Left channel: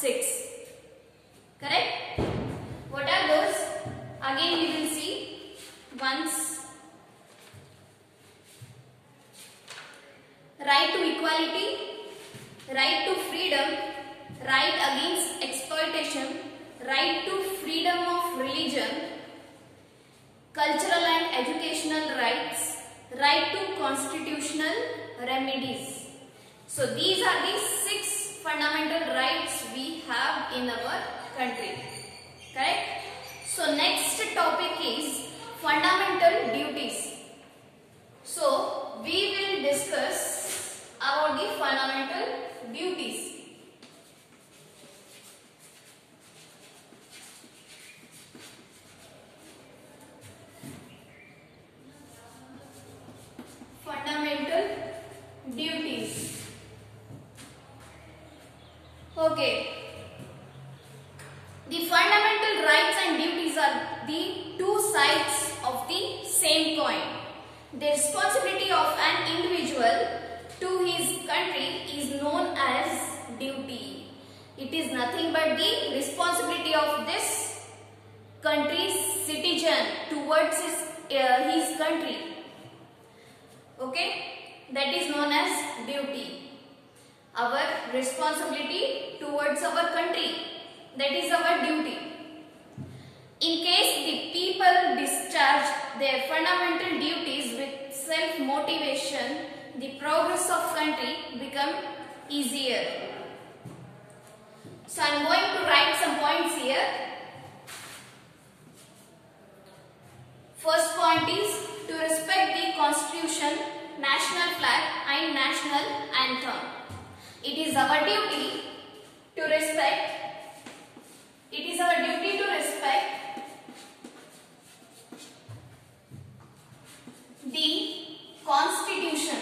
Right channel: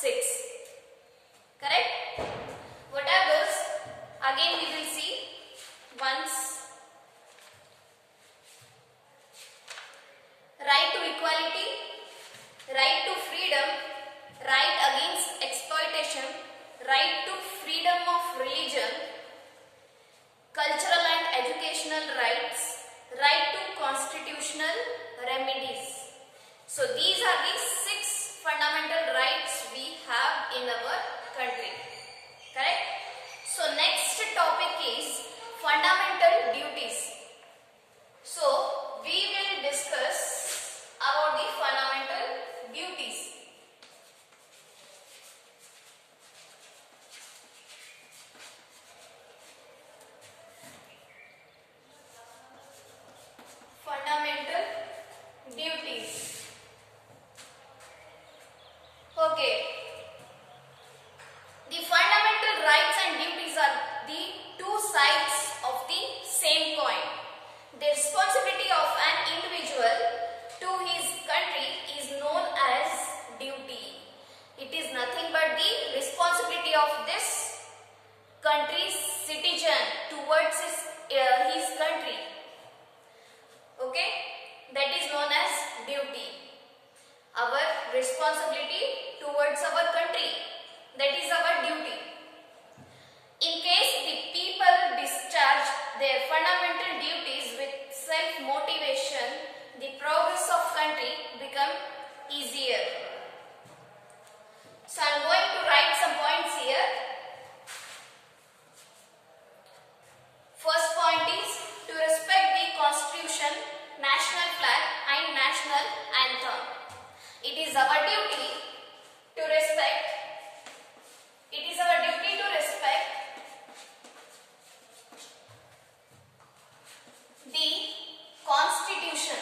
6. Correct? What are those? Again we will see once. Right to equality, right to freedom, right against exploitation, right to freedom of religion, cultural and educational rights, right to constitutional remedies. So these are the 6 fundamental rights we have in our country. Correct? So next topic is fundamental duties. So we will discuss about the fundamental duties. Fundamental duties. Okay. The fundamental rights and duties are the two sides of the same coin. The responsibility of an individual to his country is known as duty. It is nothing but the responsibility of this country's citizen towards his country. Okay, that is known as duty. Our responsibility towards our country, that is our duty. In case the people discharge their fundamental duties with self-motivation, the progress of country become easier. So I am going to write some points here. First point is to respect the constitution, national flag and national anthem. It is our duty to respect. It is our duty to respect the constitution,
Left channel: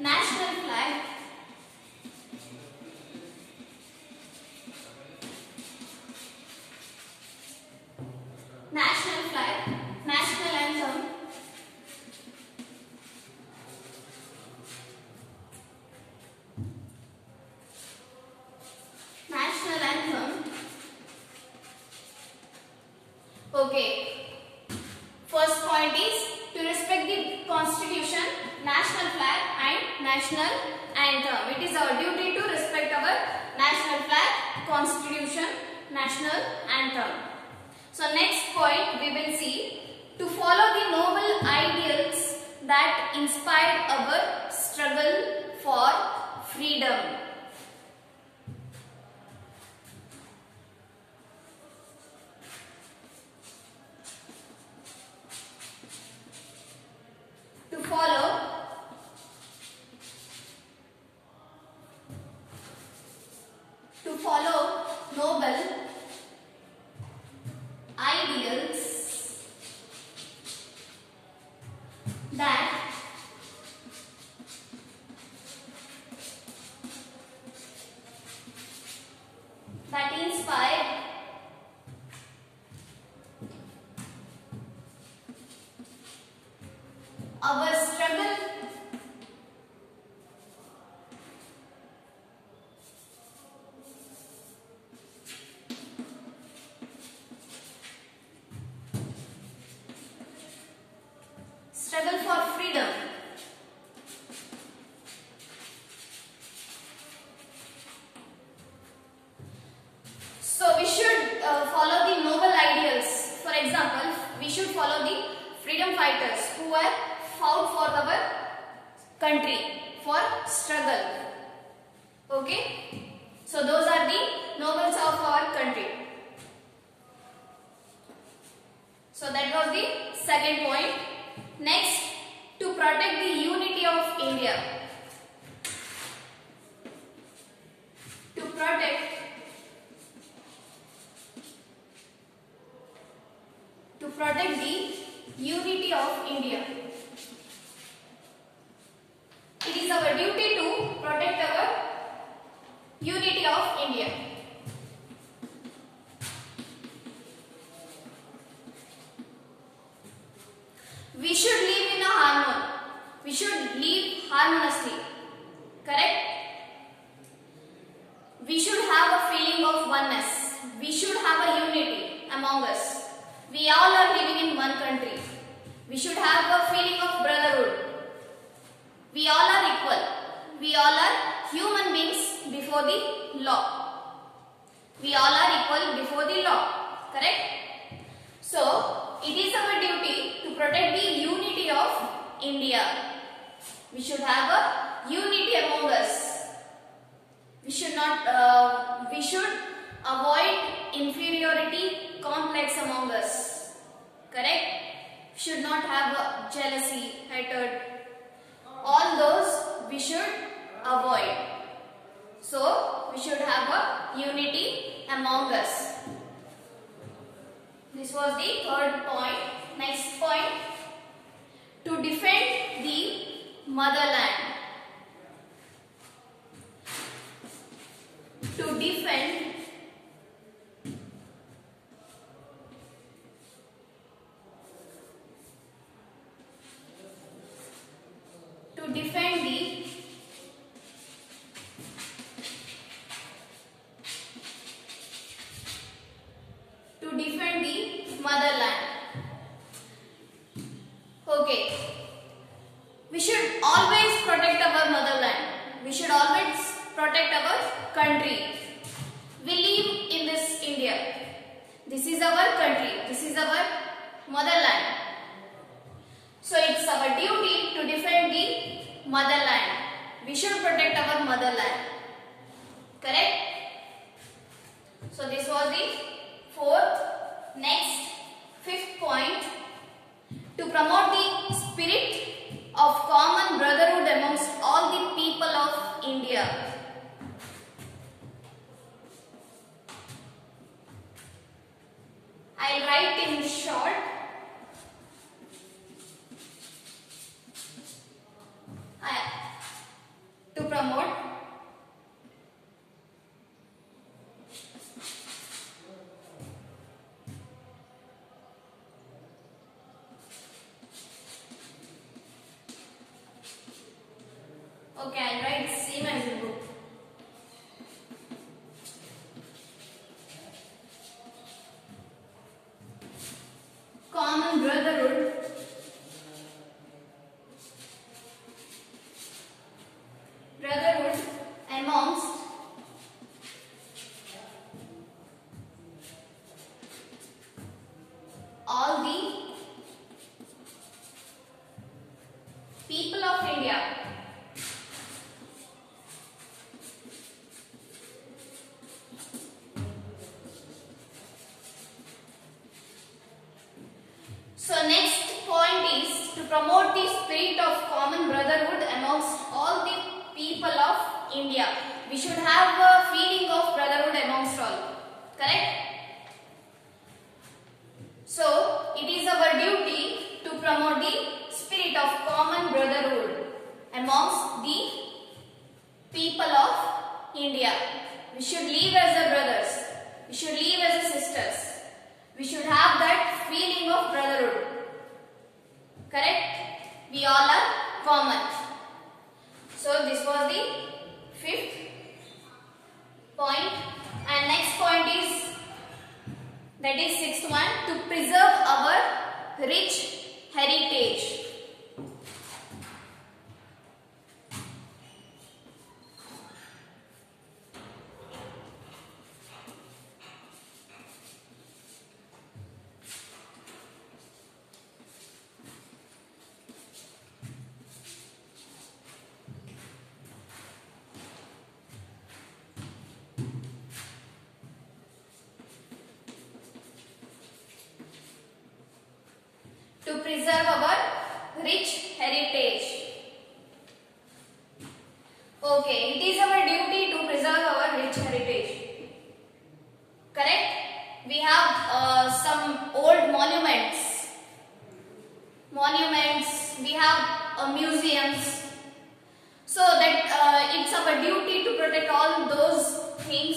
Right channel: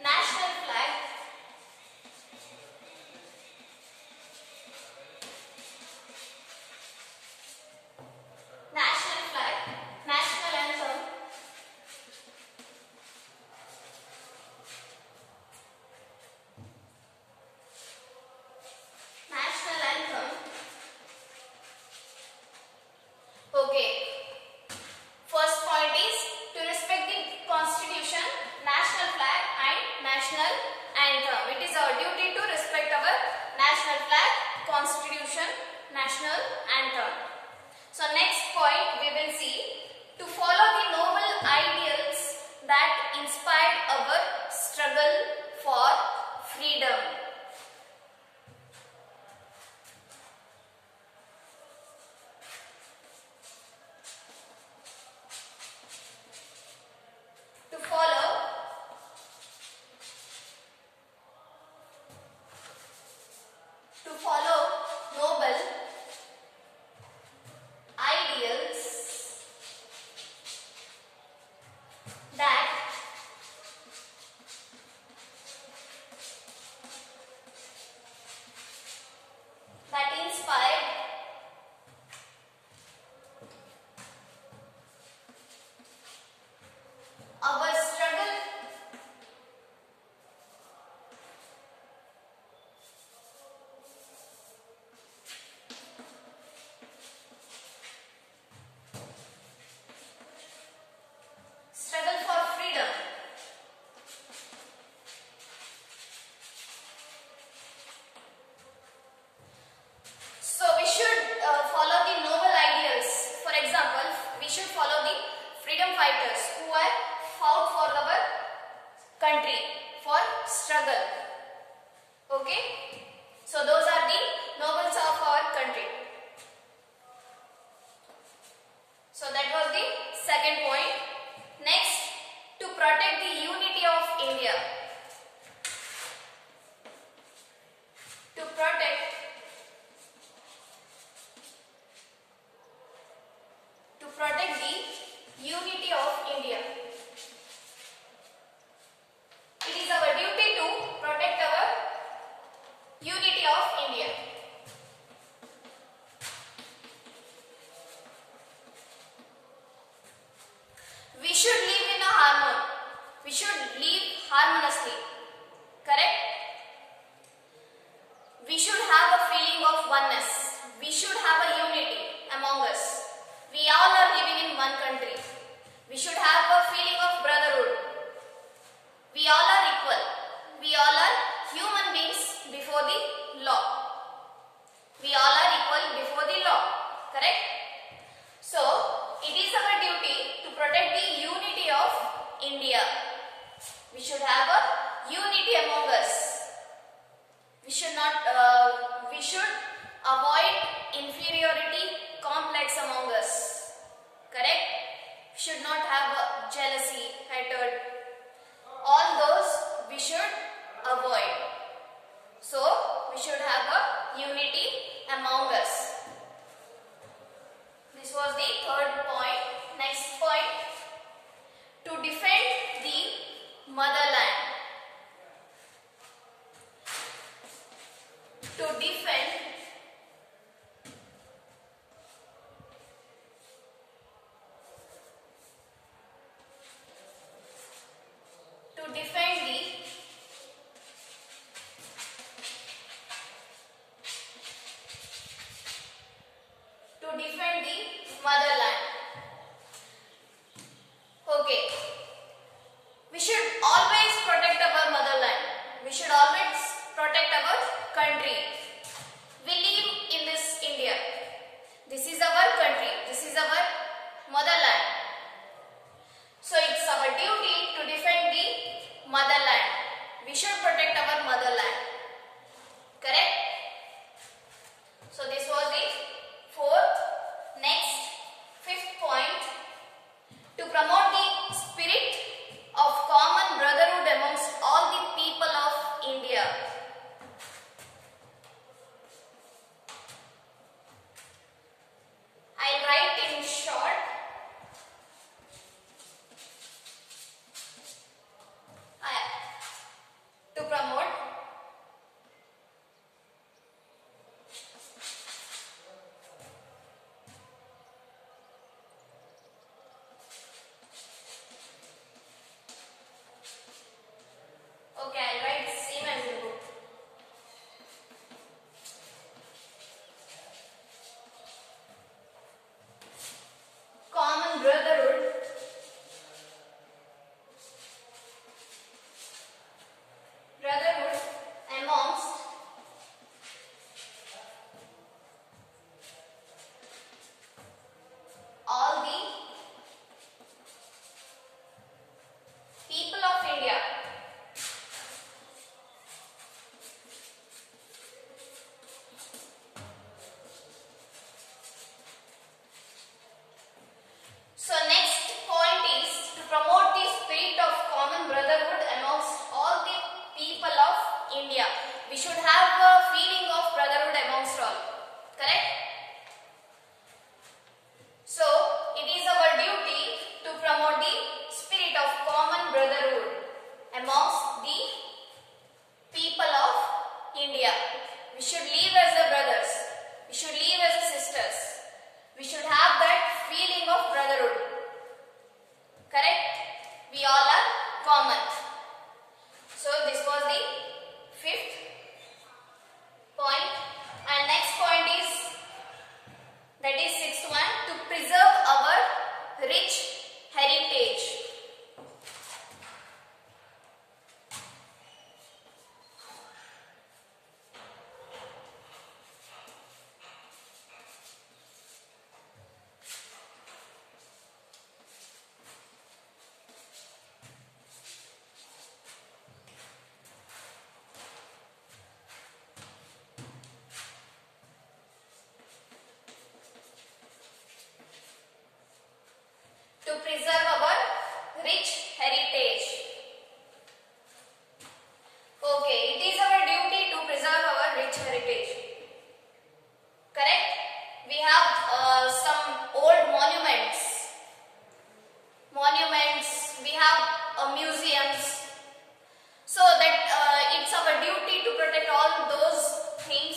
national flag national anthem, Okay. First point is to respect the constitution, national flag and national anthem. It is our duty to respect our national flag, constitution, national anthem. So next point we will see to follow the noble ideals that inspired our struggle for freedom. To follow noble ideals that inspire our struggle for freedom. So we should follow the noble ideals. For example, we should follow the freedom fighters who were fought for our country, for struggle. Okay? So those are the nobles of our country. So that was the second point. Next, to protect the unity of India. To protect the unity of India. It is our duty to protect our unity of India. We should We should have a feeling of brotherhood. We all are equal. We all are human beings before the law. We all are equal before the law. Correct? So, it is our duty to protect the unity of India. We should have a unity among us. We should avoid inferiority complex among us. Correct? Should not have jealousy, hatred. All those we should avoid. So, we should have a unity among us. This was the third point. Next point. To defend the motherland. To defend the motherland. Okay. We should always protect our motherland. We should always protect our country. We live in this India. This is our country. This is our motherland. So it's our duty to defend the motherland. We should protect our motherland. Correct? So this was the fourth. Next, fifth point. To promote the spirit of common brotherhood amongst all the people of India. I write in short. To promote okay, I'll write same as in book. Common brotherhood amongst all the people of India. So next point is to promote the spirit of common brotherhood amongst all the people of India. We should have a feeling of brotherhood amongst all. Correct? So it is our duty to promote the spirit of common brotherhood amongst the people of India. We should live as a brothers. We should live as a sisters. We should have that feeling of brotherhood. Correct? We all are common. So this was the fifth point. And next point is, that is sixth one, to preserve our rich heritage. To preserve our rich heritage. Okay, it is our duty to preserve our rich heritage. Correct? We have some old monuments. We have museums. So that it's our duty to protect all those things.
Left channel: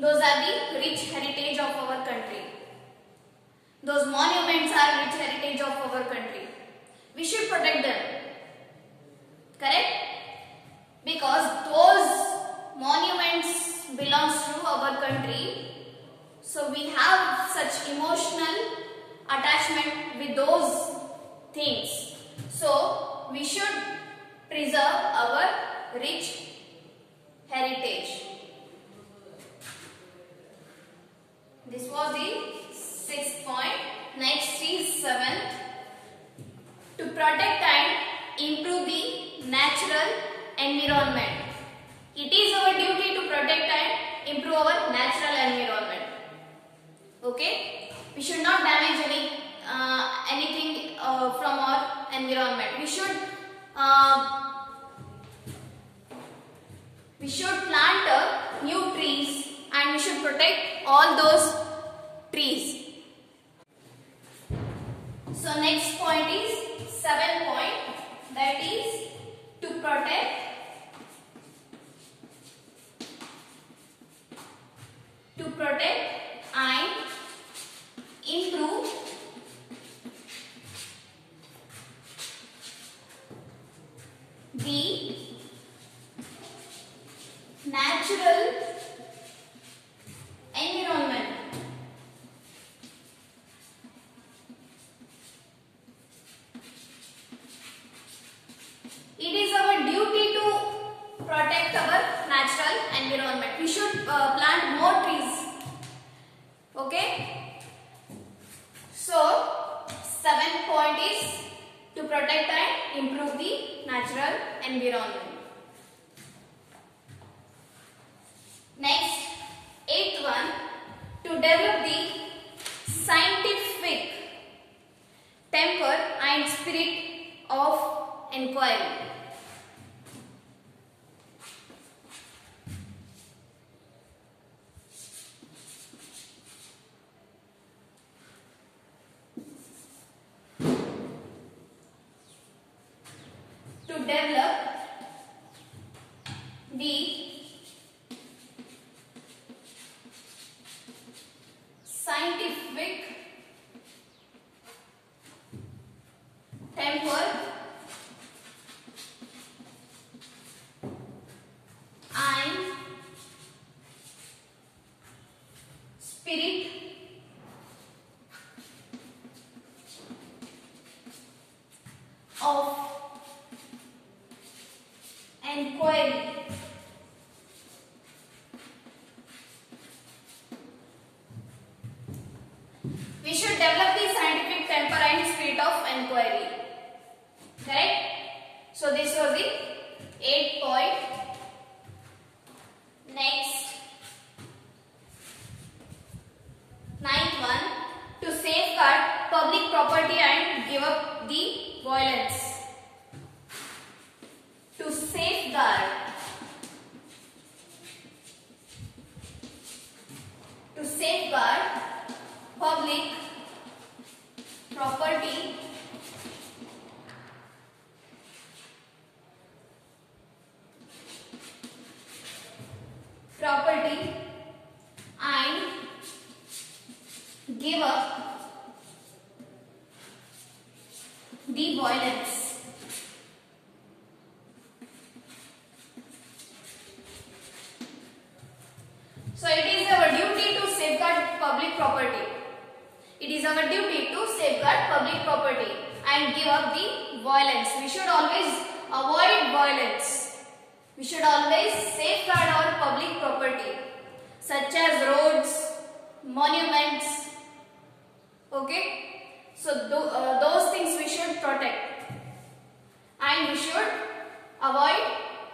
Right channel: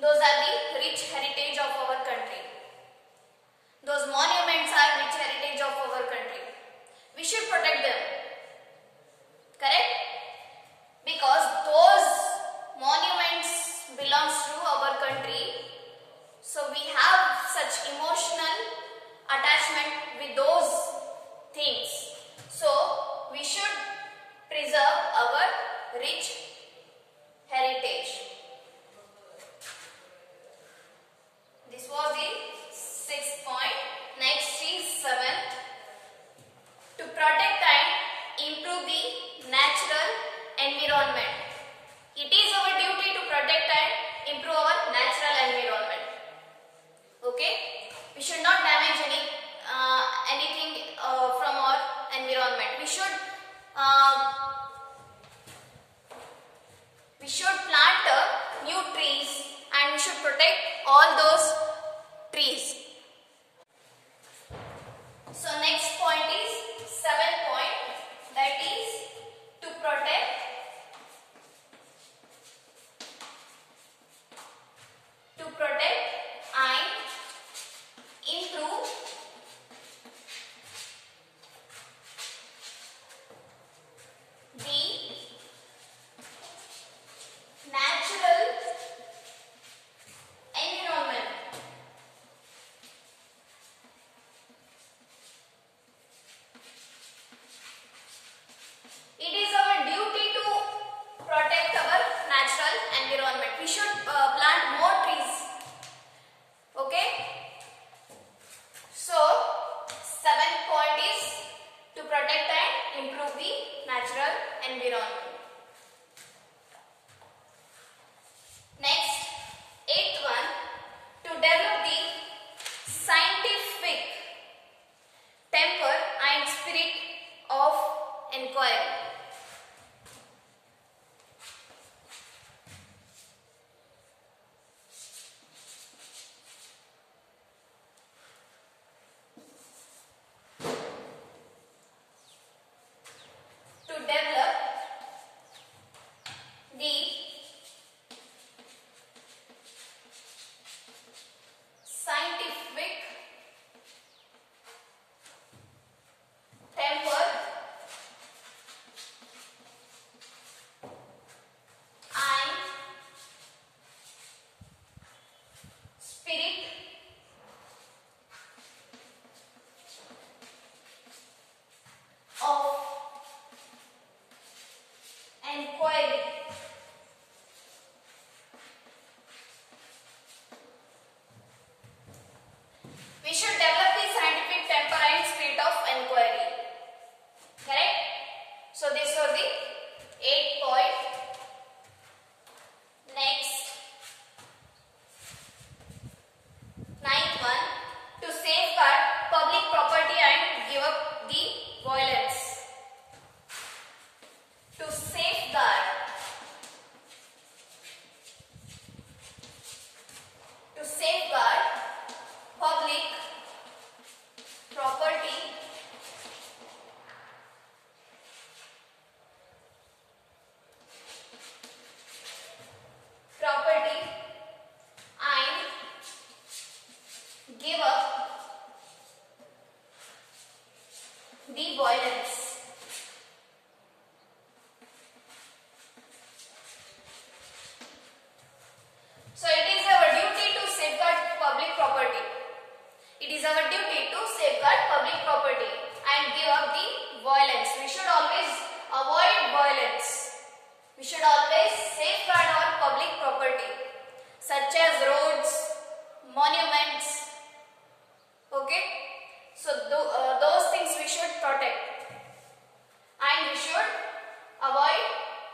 Those are the rich heritage of our country. Those monuments are rich heritage of our country. We should protect them. Correct? Because those monuments belongs to our country. So we have such emotional attachment with those things. So we should preserve our rich heritage. This was the 6th point. Next is 7th. To protect and improve the natural environment. It is our duty to protect and improve our natural environment. Okay? We should not damage anything from our environment. We should plant new trees and we should protect all those trees. So next point is 7th point, that is to protect and improve the natural environment. It is our duty to protect our natural environment. We should plant more trees. Okay? So, 7th point is to protect and improve the natural environment. Next, 8th one, to develop the scientific temper and spirit of inquiry. To develop the scientific temper and spirit of inquiry. We should develop the scientific temper and spirit of inquiry. Correct? So this was the 8th point. Next, 9th one, to safeguard public property and give up the violence. To safeguard public property and give up the violence. So it is our duty to safeguard public property. It is our duty to safeguard public property and give up the violence. We should always avoid violence. We should always safeguard our public property, such as roads, monuments. Okay? So those things we should protect. And we should avoid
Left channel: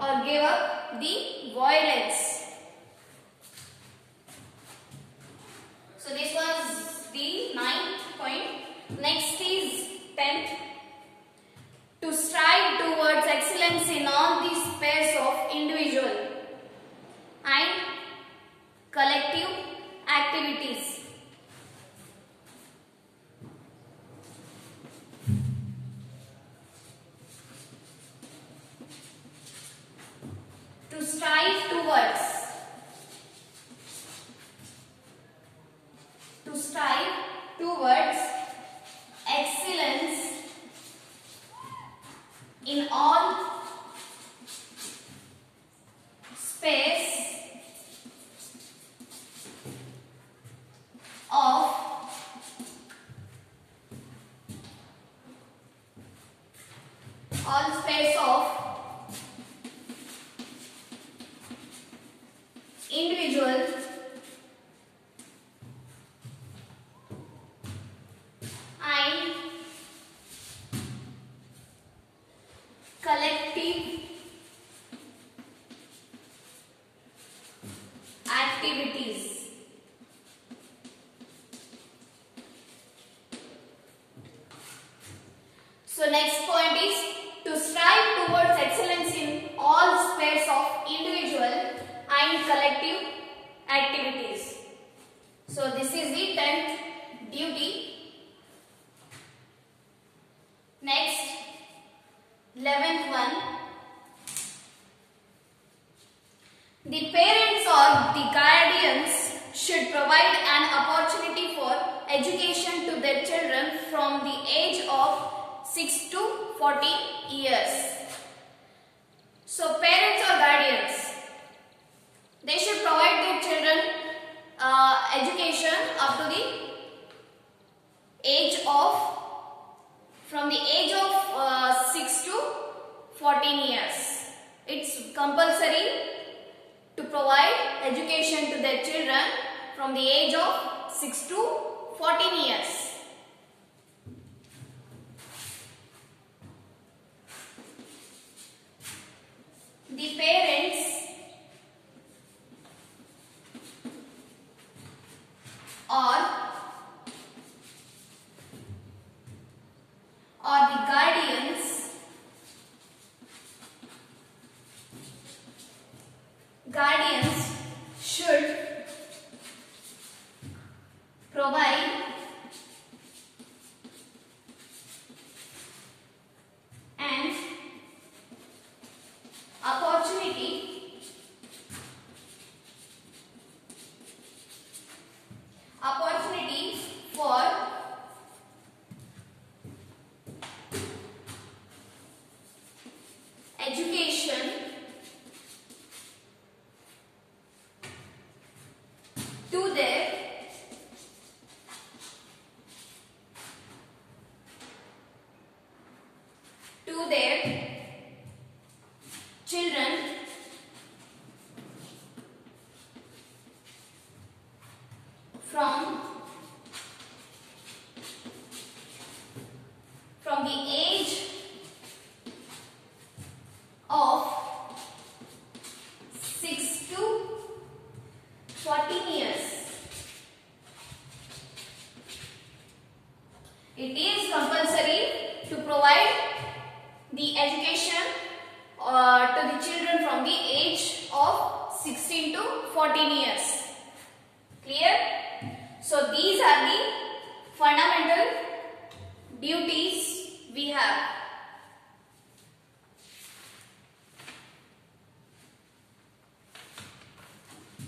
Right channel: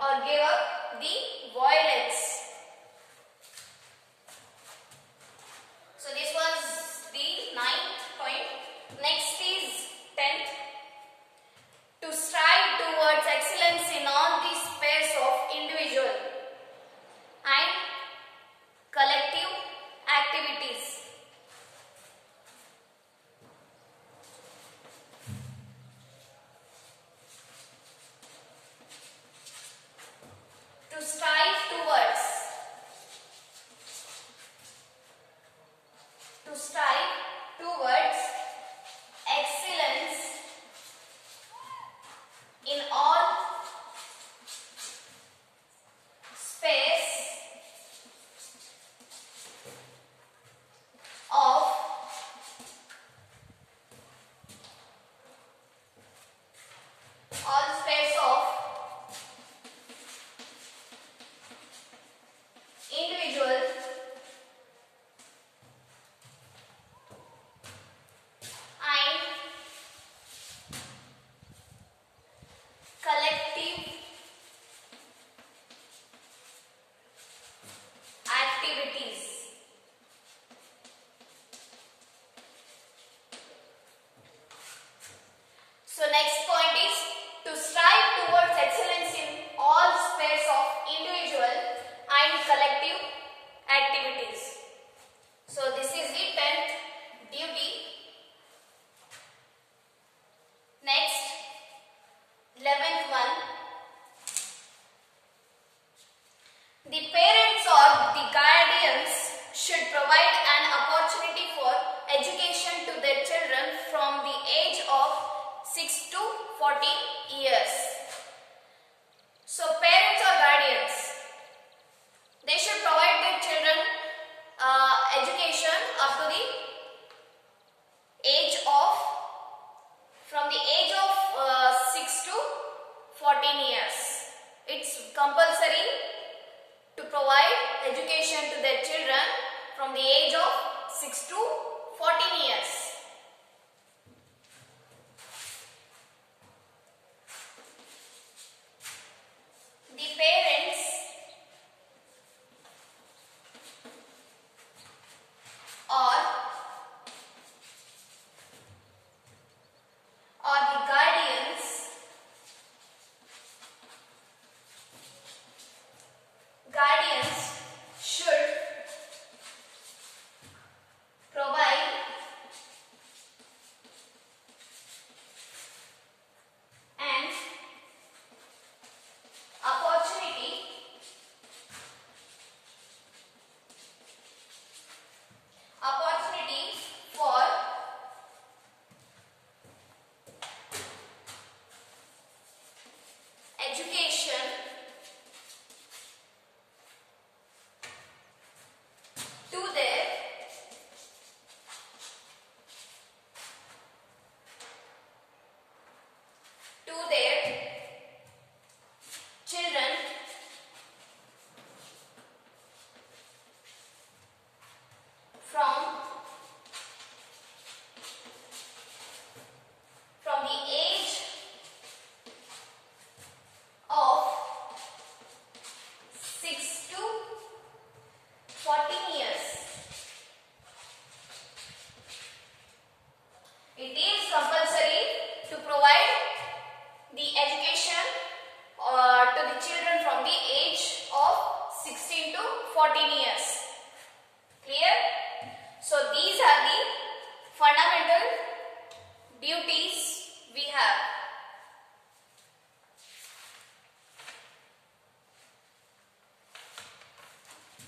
or give up the violence. So this was the 9th point. Next is 10th. To strive towards excellence in all the spheres of individual and collective activities. To strive towards excellence in all space So next point is to strive towards excellence in all spheres of individual and collective activities. So this is the 10th duty. Next, 11th one. The parents or the guardians should provide an opportunity for education to their children from the age of 6 to 14 years. So parents or guardians, they should provide their children education up to the age of, from the age of 6 to 14 years. It's compulsory to provide education to their children from the age of 6 to 14 years. The parents or the guardians should provide an opportunity for education to their children from the age of 6 to 14 years. It is compulsory to provide the education to the children from the age of 16 to 14 years. Clear? So these are the fundamental duties we have.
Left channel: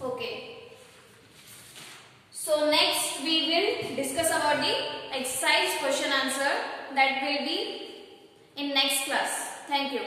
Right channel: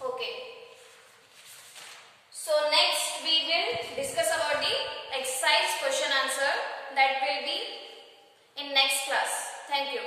Okay. So next we will discuss about the exercise question answer, that will be in next class. Thank you.